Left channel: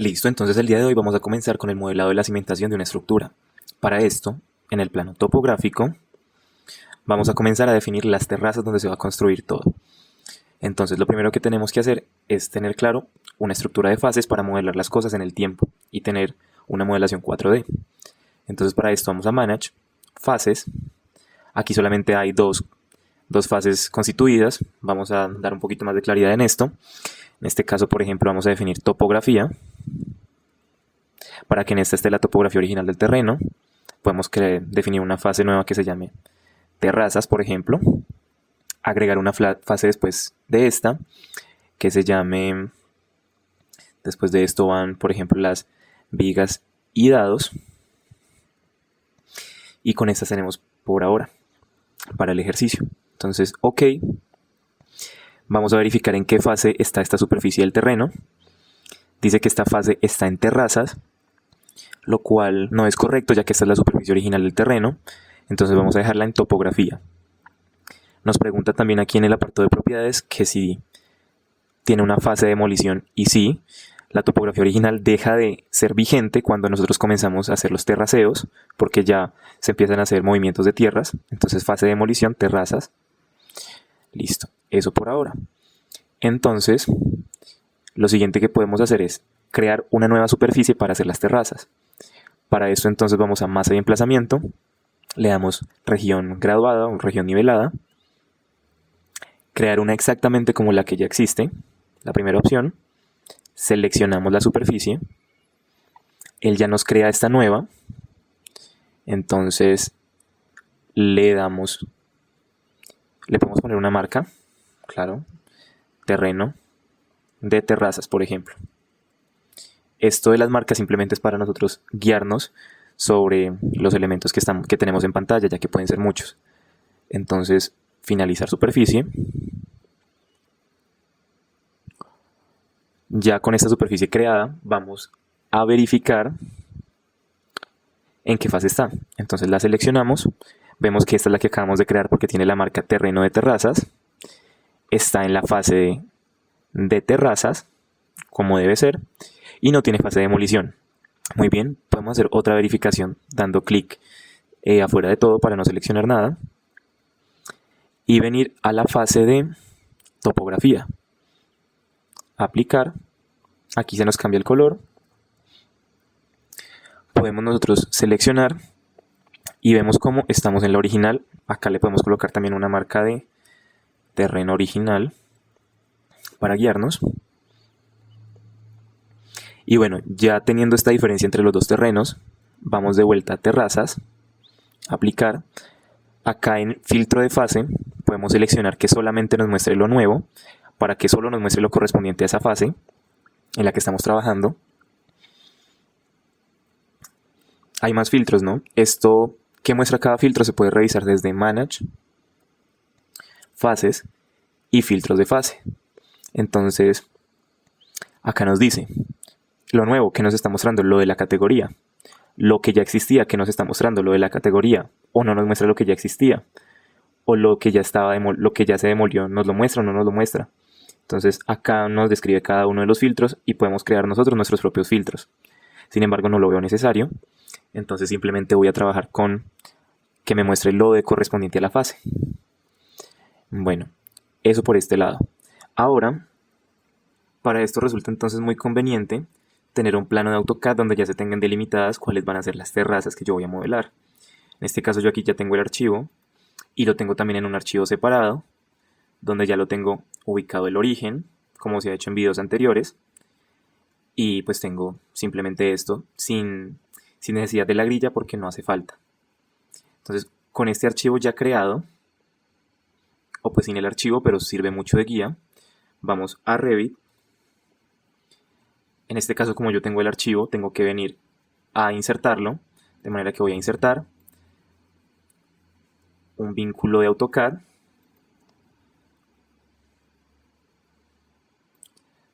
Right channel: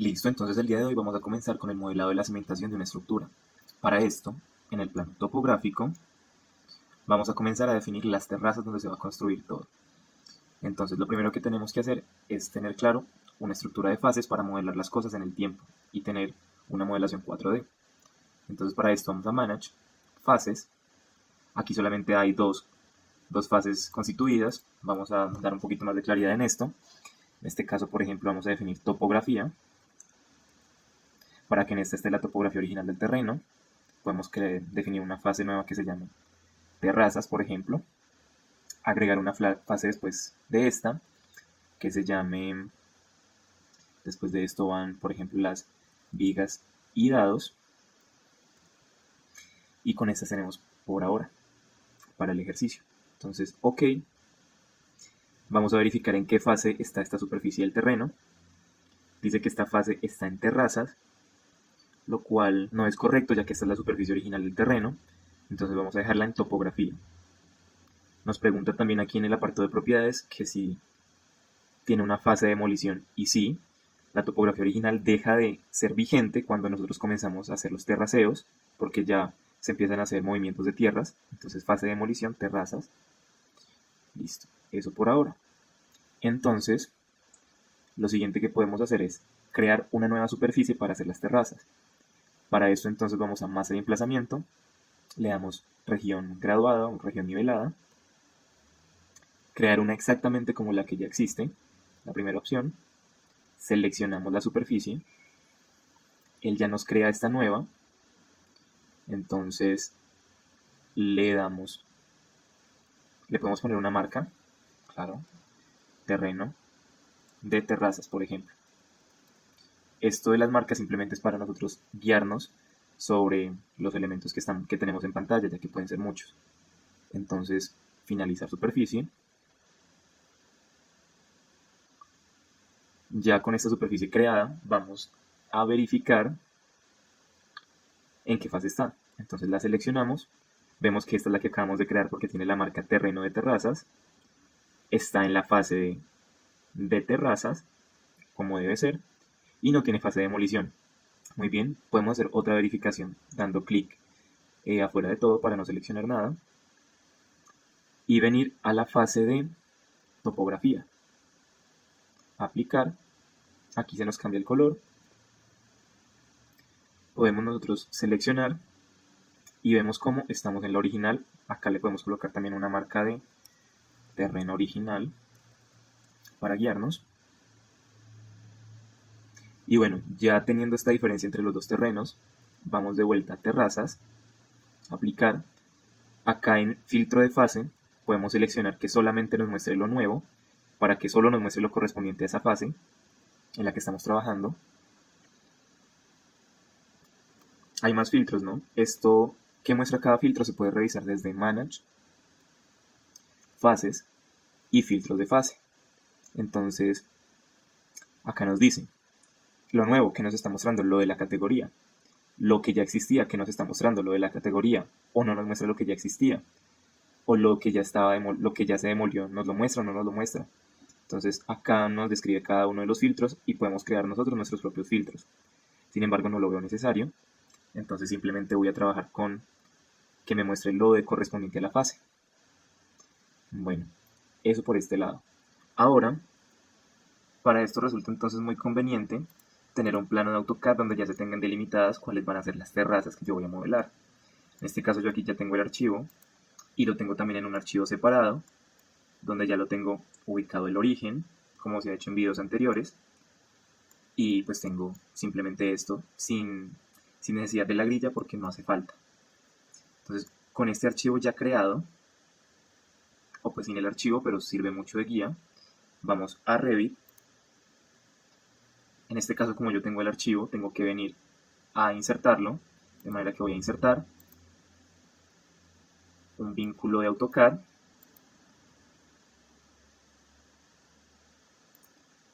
Listo, entonces el día de hoy vamos a comenzar con el modelado de la cimentación de una estructura. Para esto, en el plano topográfico, vamos a comenzar a definir las terrazas donde se va a construir todo. Entonces, lo primero que tenemos que hacer es tener claro una estructura de fases para modelar las cosas en el tiempo y tener una modelación 4D. Entonces, para esto vamos a Manage, Fases. Aquí solamente hay dos fases constituidas. Vamos a dar un poquito más de claridad en esto. En este caso, por ejemplo, vamos a definir topografía para que en esta esté la topografía original del terreno. Podemos definir una fase nueva que se llame terrazas, por ejemplo. Agregar una fase después de esta que se llame, después de esto van, por ejemplo, las vigas y dados. Y con estas tenemos por ahora para el ejercicio. Entonces, ok. Vamos a verificar en qué fase está esta superficie del terreno. Dice que esta fase está en terrazas, lo cual no es correcto ya que esta es la superficie original del terreno. Entonces vamos a dejarla en topografía. Nos pregunta también aquí en el apartado de propiedades que si tiene una fase de demolición y sí, la topografía original deja de ser vigente cuando nosotros comenzamos a hacer los terraceos porque ya se empiezan a hacer movimientos de tierras. Entonces fase de demolición, terrazas. Listo, eso por ahora. Entonces, lo siguiente que podemos hacer es crear una nueva superficie para hacer las terrazas. Para esto entonces vamos a masa y emplazamiento, le damos región graduada o región nivelada, crear una exactamente como la que ya existe, la primera opción, seleccionamos la superficie, él ya nos crea esta nueva, entonces le podemos poner una marca, claro, terreno de terrazas, por ejemplo. Esto de las marcas simplemente es para nosotros guiarnos sobre los elementos que tenemos en pantalla, ya que pueden ser muchos. Entonces, finalizar superficie. Ya con esta superficie creada, vamos a verificar en qué fase está. Entonces la seleccionamos, vemos que esta es la que acabamos de crear porque tiene la marca terreno de terrazas. Está en la fase de terrazas, como debe ser, y no tiene fase de demolición. Muy bien, podemos hacer otra verificación dando clic afuera de todo para no seleccionar nada y venir a la fase de topografía. Aplicar, aquí se nos cambia el color, podemos nosotros seleccionar y vemos cómo estamos en la original. Acá le podemos colocar también una marca de terreno original para guiarnos. Y bueno, ya teniendo esta diferencia entre los dos terrenos, vamos de vuelta a terrazas, aplicar. Acá en filtro de fase podemos seleccionar que solamente nos muestre lo nuevo, para que solo nos muestre lo correspondiente a esa fase en la que estamos trabajando. Hay más filtros, ¿no? Esto que muestra cada filtro se puede revisar desde Manage, Fases y filtros de fase. Entonces, acá nos dice lo nuevo que nos está mostrando lo de la categoría, lo que ya existía que nos está mostrando lo de la categoría, o no nos muestra lo que ya existía, o lo que ya estaba lo que ya se demolió, nos lo muestra o no nos lo muestra. Entonces acá nos describe cada uno de los filtros y podemos crear nosotros nuestros propios filtros. Sin embargo, no lo veo necesario, entonces simplemente voy a trabajar con que me muestre lo de correspondiente a la fase. Bueno, eso por este lado. Ahora, para esto resulta entonces muy conveniente tener un plano de AutoCAD donde ya se tengan delimitadas cuáles van a ser las terrazas que yo voy a modelar. En este caso yo aquí ya tengo el archivo y lo tengo también en un archivo separado donde ya lo tengo ubicado el origen, como se ha hecho en videos anteriores, y pues tengo simplemente esto sin necesidad de la grilla porque no hace falta. Entonces, con este archivo ya creado, o pues sin el archivo, pero sirve mucho de guía, vamos a Revit. En este caso, como yo tengo el archivo, tengo que venir a insertarlo, de manera que voy a insertar un vínculo de AutoCAD,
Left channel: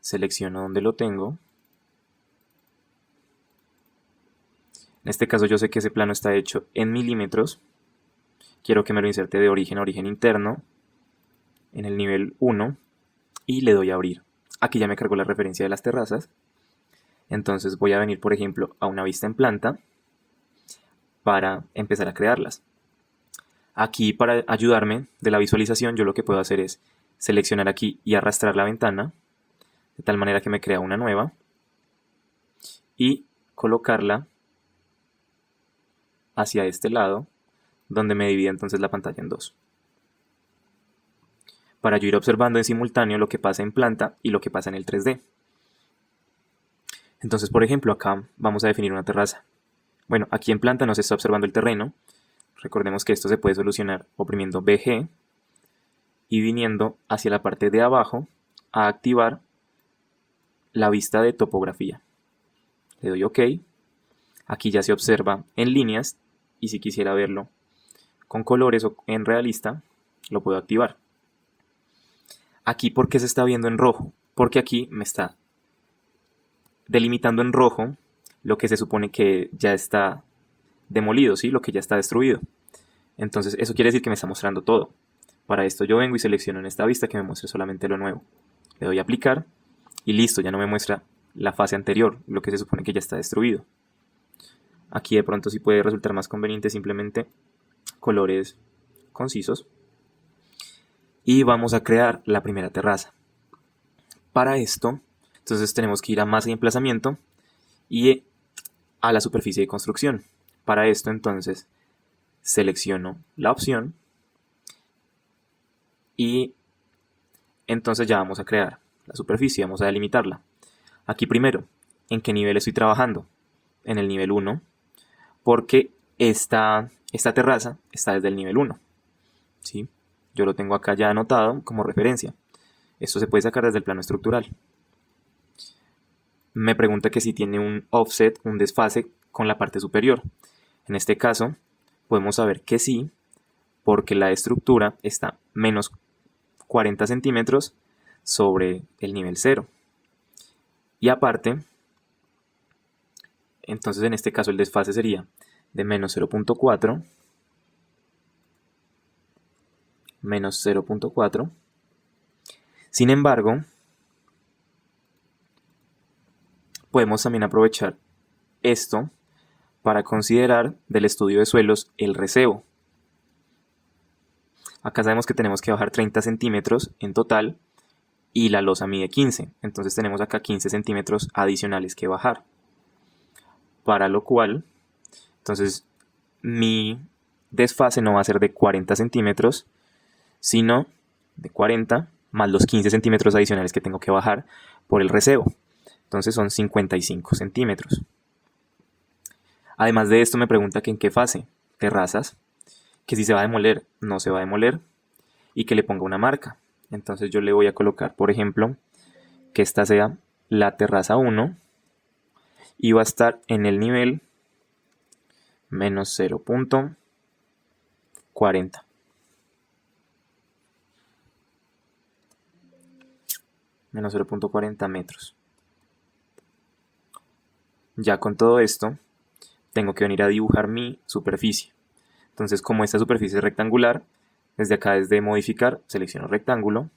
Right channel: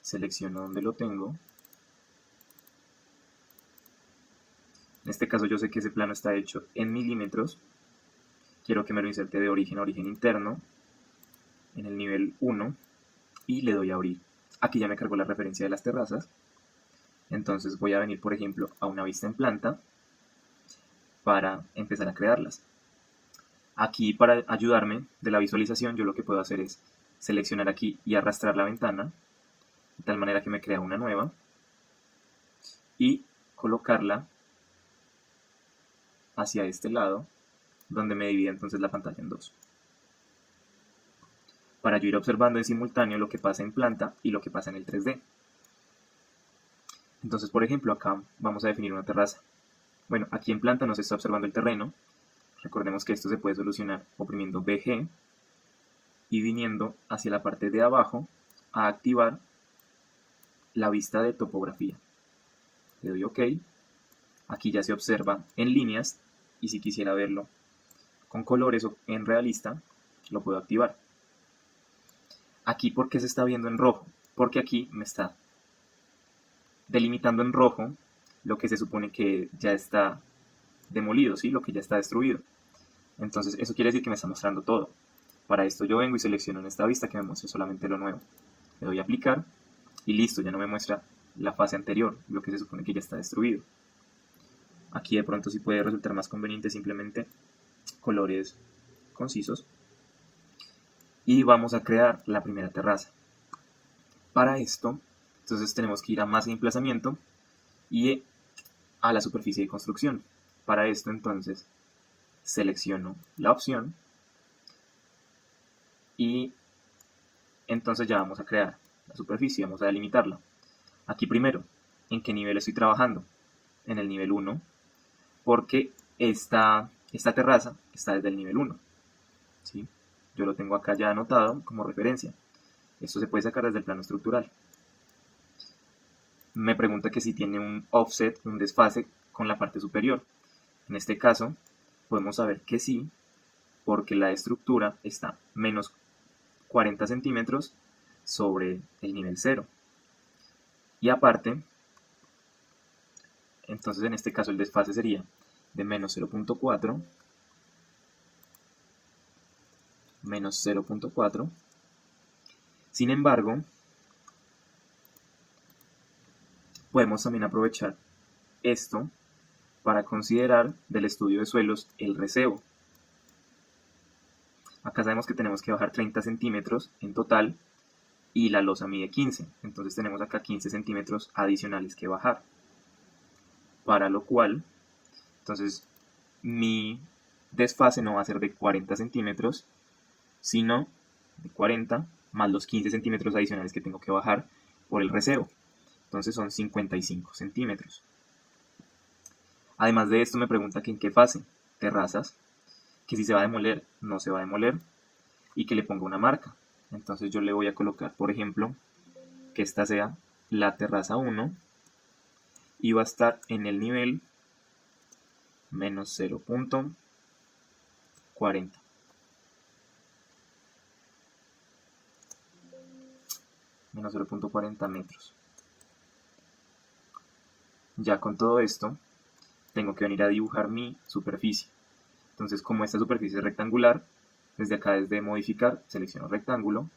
selecciono donde lo tengo. En este caso yo sé que ese plano está hecho en milímetros. Quiero que me lo inserte de origen a origen interno, en el nivel 1, y le doy a abrir. Aquí ya me cargó la referencia de las terrazas. Entonces voy a venir, por ejemplo, a una vista en planta para empezar a crearlas. Aquí, para ayudarme de la visualización, yo lo que puedo hacer es seleccionar aquí y arrastrar la ventana de tal manera que me crea una nueva y colocarla hacia este lado, donde me divide entonces la pantalla en dos, para yo ir observando en simultáneo lo que pasa en planta y lo que pasa en el 3D. Entonces, por ejemplo, acá vamos a definir una terraza. Bueno, aquí en planta no se está observando el terreno. Recordemos que esto se puede solucionar oprimiendo BG y viniendo hacia la parte de abajo a activar la vista de topografía. Le doy OK. Aquí ya se observa en líneas y si quisiera verlo con colores o en realista, lo puedo activar. Aquí, ¿por qué se está viendo en rojo? Porque aquí me está delimitando en rojo lo que se supone que ya está demolido, ¿sí? Lo que ya está destruido. Entonces eso quiere decir que me está mostrando todo. Para esto yo vengo y selecciono en esta vista que me muestre solamente lo nuevo. Le doy a aplicar y listo, ya no me muestra la fase anterior, lo que se supone que ya está destruido. Aquí de pronto sí puede resultar más conveniente simplemente colores concisos. Y vamos a crear la primera terraza. Para esto, entonces tenemos que ir a masa y emplazamiento y a la superficie de construcción. Para esto entonces selecciono la opción y entonces ya vamos a crear la superficie, vamos a delimitarla. Aquí primero, ¿en qué nivel estoy trabajando? En el nivel 1, porque esta terraza está desde el nivel 1. ¿Sí? Yo lo tengo acá ya anotado como referencia. Esto se puede sacar desde el plano estructural. Me pregunta que si tiene un offset, un desfase con la parte superior. En este caso, podemos saber que sí, porque la estructura está menos 40 centímetros sobre el nivel 0. Y aparte, entonces en este caso el desfase sería de menos 0.4, menos 0.4. Sin embargo, podemos también aprovechar esto para considerar del estudio de suelos el recebo. Acá sabemos que tenemos que bajar 30 centímetros en total y la losa mide 15. Entonces tenemos acá 15 centímetros adicionales que bajar. Para lo cual, entonces mi desfase no va a ser de 40 centímetros, sino de 40 más los 15 centímetros adicionales que tengo que bajar por el recebo. Entonces son 55 centímetros. Además de esto me pregunta que en qué fase, terrazas, que si se va a demoler, no se va a demoler y que le ponga una marca. Entonces yo le voy a colocar, por ejemplo, que esta sea la terraza 1 y va a estar en el nivel menos 0.40. Menos 0.40 metros. Ya con todo esto, tengo que venir a dibujar mi superficie. Entonces, como esta superficie es rectangular, desde acá, desde modificar, selecciono rectángulo,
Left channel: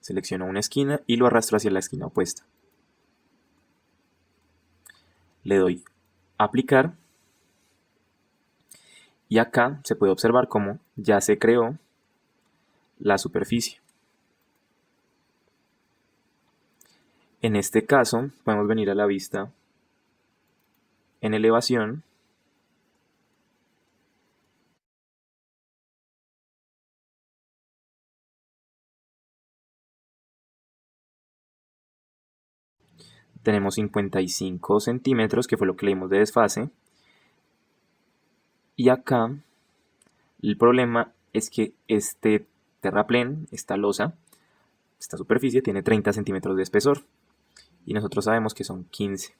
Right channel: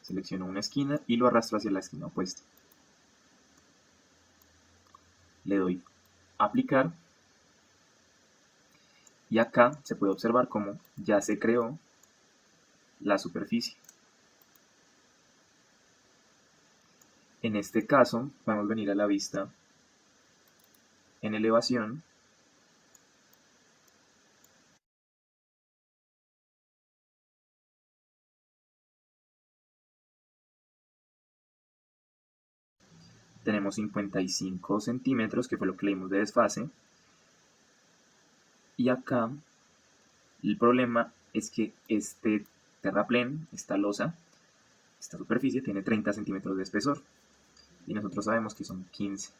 selecciono una esquina y lo arrastro hacia la esquina opuesta. Le doy aplicar y acá se puede observar cómo ya se creó la superficie. En este caso, podemos venir a la vista en elevación tenemos 55 centímetros, que fue lo que le dimos de desfase. Y acá el problema es que este terraplén, esta losa, esta superficie tiene 30 centímetros de espesor. Y nosotros sabemos que son 15.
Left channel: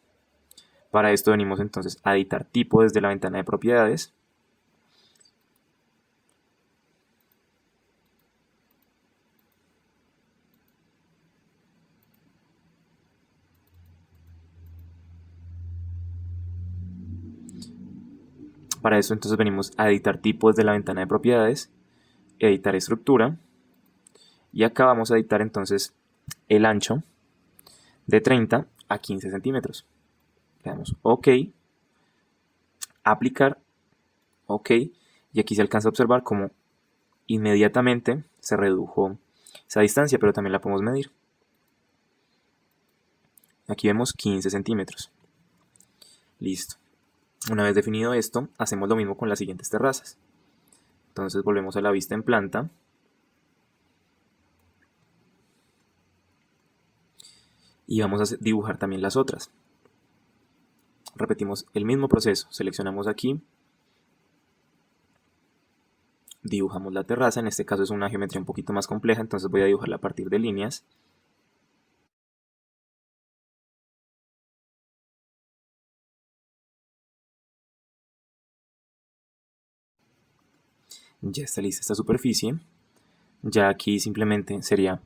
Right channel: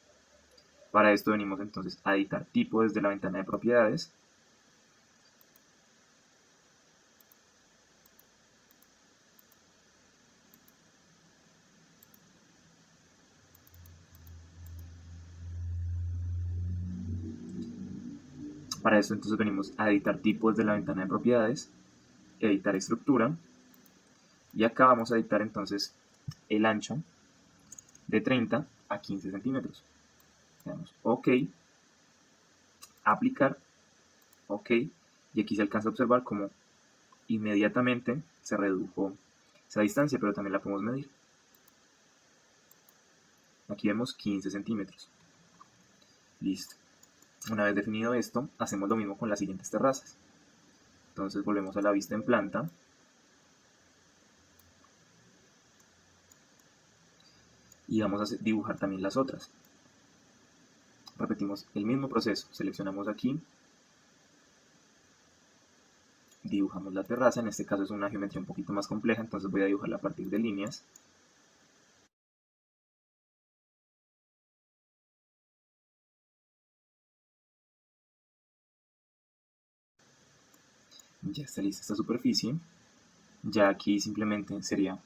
Para esto venimos entonces a editar tipo desde la ventana de propiedades. Para eso entonces venimos a editar tipo desde la ventana de propiedades, editar estructura y acá vamos a editar entonces el ancho de 30 a 15 centímetros. Le damos OK, aplicar, OK, y aquí se alcanza a observar como inmediatamente se redujo esa distancia, pero también la podemos medir. Aquí vemos 15 centímetros. Listo. Una vez definido esto, hacemos lo mismo con las siguientes terrazas. Entonces volvemos a la vista en planta. Y vamos a dibujar también las otras. Repetimos el mismo proceso. Seleccionamos aquí. Dibujamos la terraza. En este caso es una geometría un poquito más compleja, entonces voy a dibujarla a partir de líneas. Ya está lista esta superficie. Ya aquí simplemente sería,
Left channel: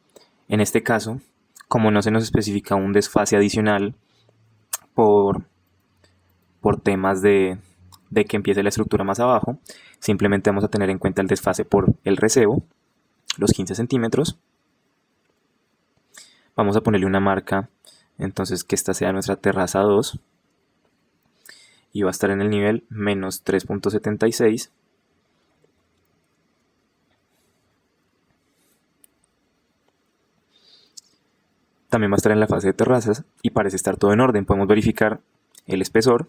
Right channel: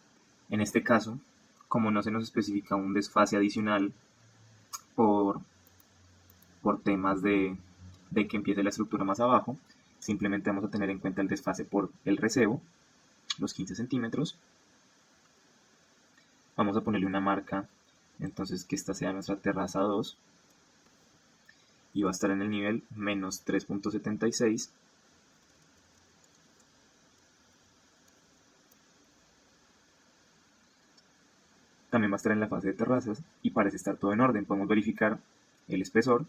en este caso, como no se nos especifica un desfase adicional por temas de que empiece la estructura más abajo, simplemente vamos a tener en cuenta el desfase por el recebo, los 15 centímetros. Vamos a ponerle una marca, entonces que esta sea nuestra terraza 2. Y va a estar en el nivel menos 3.76. También va a estar en la fase de terrazas y parece estar todo en orden. Podemos verificar el espesor.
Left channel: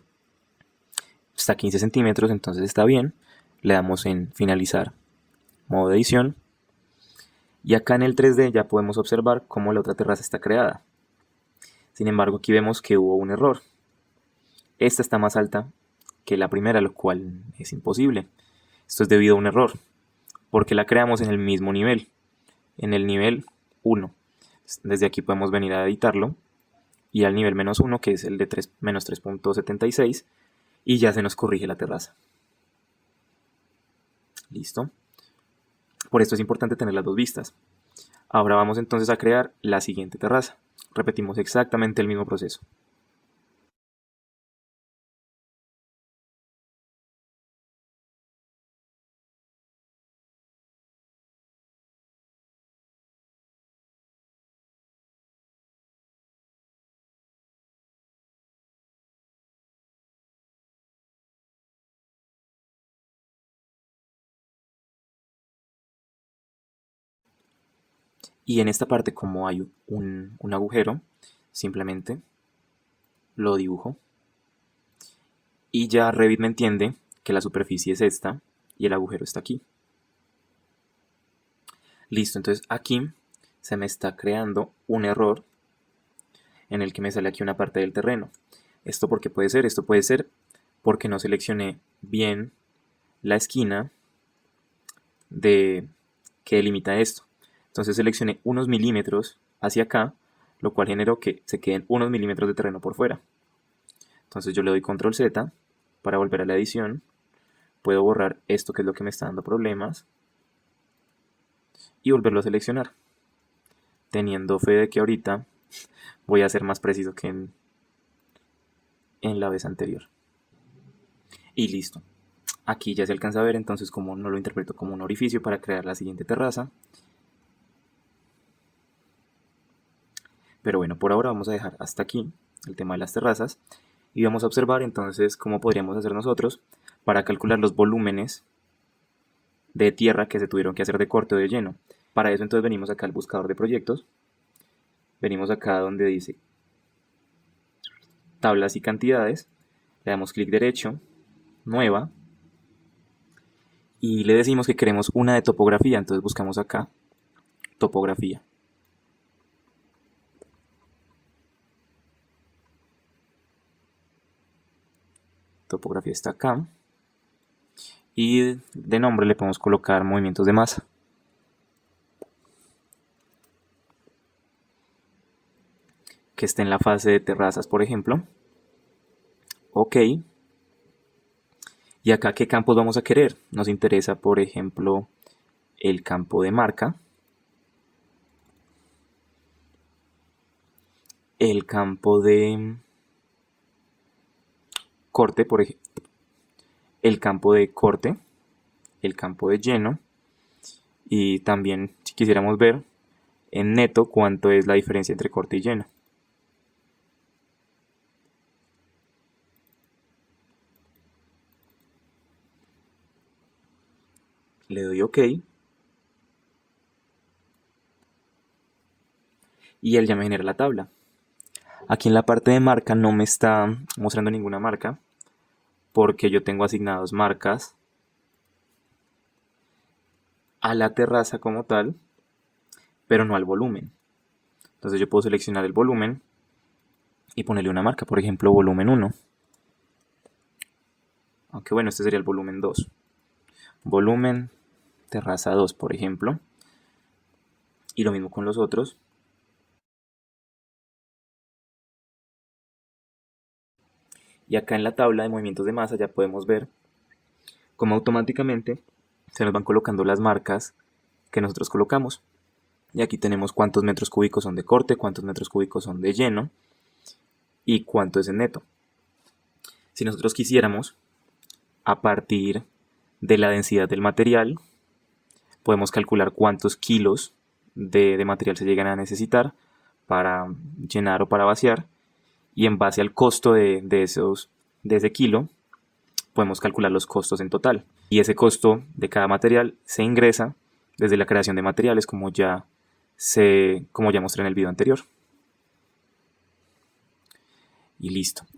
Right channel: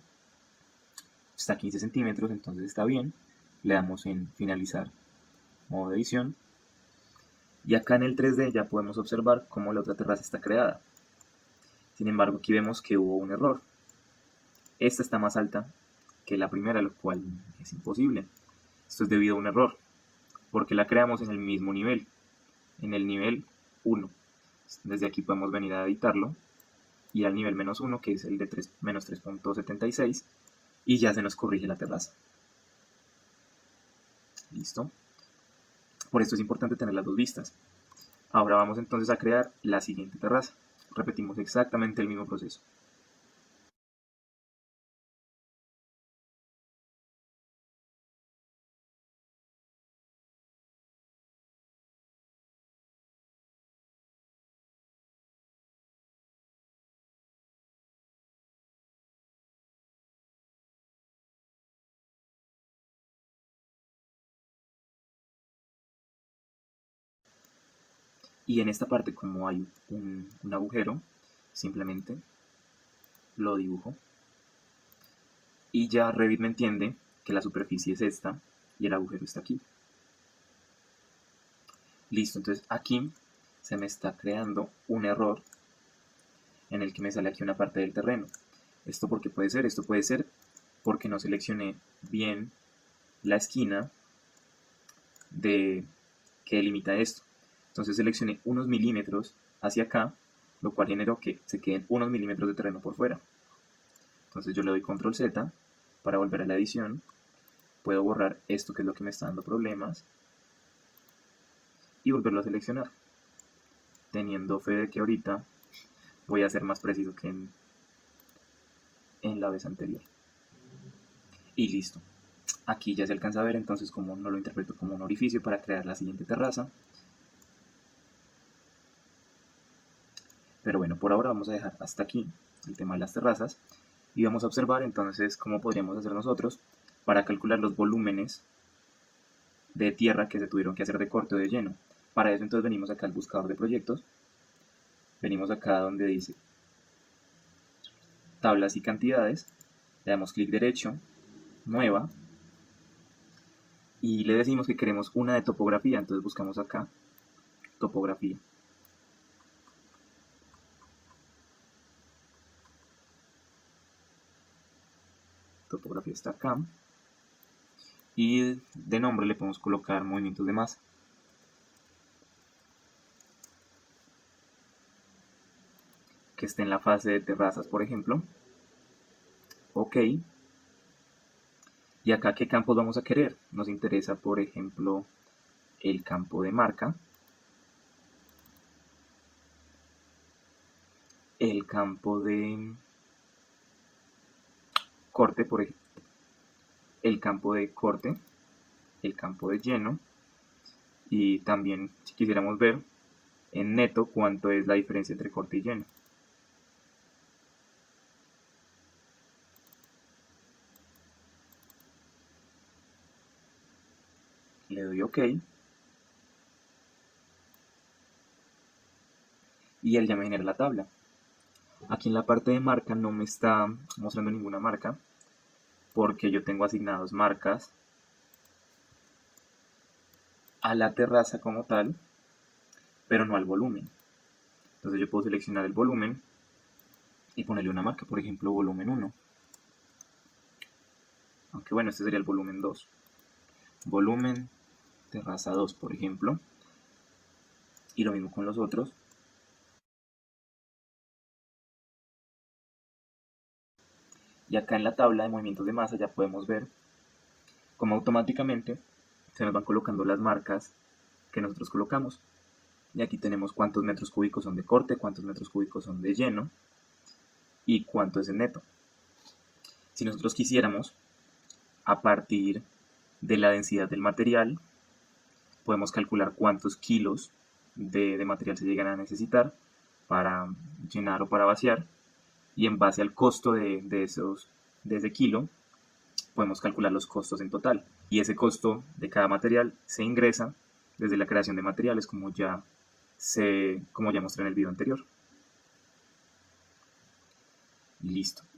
Está a 15 centímetros, entonces está bien. Le damos en finalizar, modo de edición. Y acá en el 3D ya podemos observar cómo la otra terraza está creada. Sin embargo, aquí vemos que hubo un error. Esta está más alta que la primera, lo cual es imposible. Esto es debido a un error, porque la creamos en el mismo nivel, en el nivel 1. Desde aquí podemos venir a editarlo y al nivel menos 1, que es el de menos 3.76, y ya se nos corrige la terraza. Listo. Por esto es importante tener las dos vistas. Ahora vamos entonces a crear la siguiente terraza. Repetimos exactamente el mismo proceso. Y en esta parte, como hay un agujero, simplemente lo dibujo. Y ya Revit me entiende que la superficie es esta y el agujero está aquí. Listo, entonces aquí se me está creando un error en el que me sale aquí una parte del terreno. ¿Esto por qué puede ser? Esto puede ser porque no seleccioné bien la esquina que delimita esto. Entonces seleccioné unos milímetros hacia acá, lo cual generó que se queden unos milímetros de terreno por fuera. Entonces yo le doy control Z para volver a la edición. Puedo borrar esto que es lo que me está dando problemas y volverlo a seleccionar, teniendo fe de que ahorita voy a ser más preciso que en la vez anterior. Y listo. Aquí ya se alcanza a ver entonces como no lo interpreto como un orificio para crear la siguiente terraza. Pero bueno, por ahora vamos a dejar hasta aquí el tema de las terrazas y vamos a observar entonces cómo podríamos hacer nosotros para calcular los volúmenes de tierra que se tuvieron que hacer de corte o de lleno. Para eso entonces venimos acá al buscador de proyectos, venimos acá donde dice tablas y cantidades, le damos clic derecho, nueva, y le decimos que queremos una de topografía, entonces buscamos acá topografía. Topografía está acá. Y de nombre le podemos colocar movimientos de masa. Que esté en la fase de terrazas, por ejemplo. OK. Y acá, ¿qué campos vamos a querer? Nos interesa, por ejemplo, el campo de marca, el campo de corte, por ejemplo, el campo de corte, el campo de lleno, y también si quisiéramos ver en neto cuánto es la diferencia entre corte y lleno. Le doy OK y él ya me genera la tabla. Aquí en la parte de marca no me está mostrando ninguna marca porque yo tengo asignados marcas a la terraza como tal, pero no al volumen. Entonces yo puedo seleccionar el volumen y ponerle una marca, por ejemplo, volumen 1. Aunque bueno, este sería el volumen 2. Volumen terraza 2, por ejemplo. Y lo mismo con los otros. Y acá en la tabla de movimientos de masa ya podemos ver cómo automáticamente se nos van colocando las marcas que nosotros colocamos. Y aquí tenemos cuántos metros cúbicos son de corte, cuántos metros cúbicos son de lleno y cuánto es en neto. Si nosotros quisiéramos, a partir de la densidad del material, podemos calcular cuántos kilos de material se llegan a necesitar para llenar o para vaciar, y en base al costo de ese kilo podemos calcular los costos en total, y ese costo de cada material se ingresa desde la creación de materiales, como ya mostré en el video anterior. Y listo.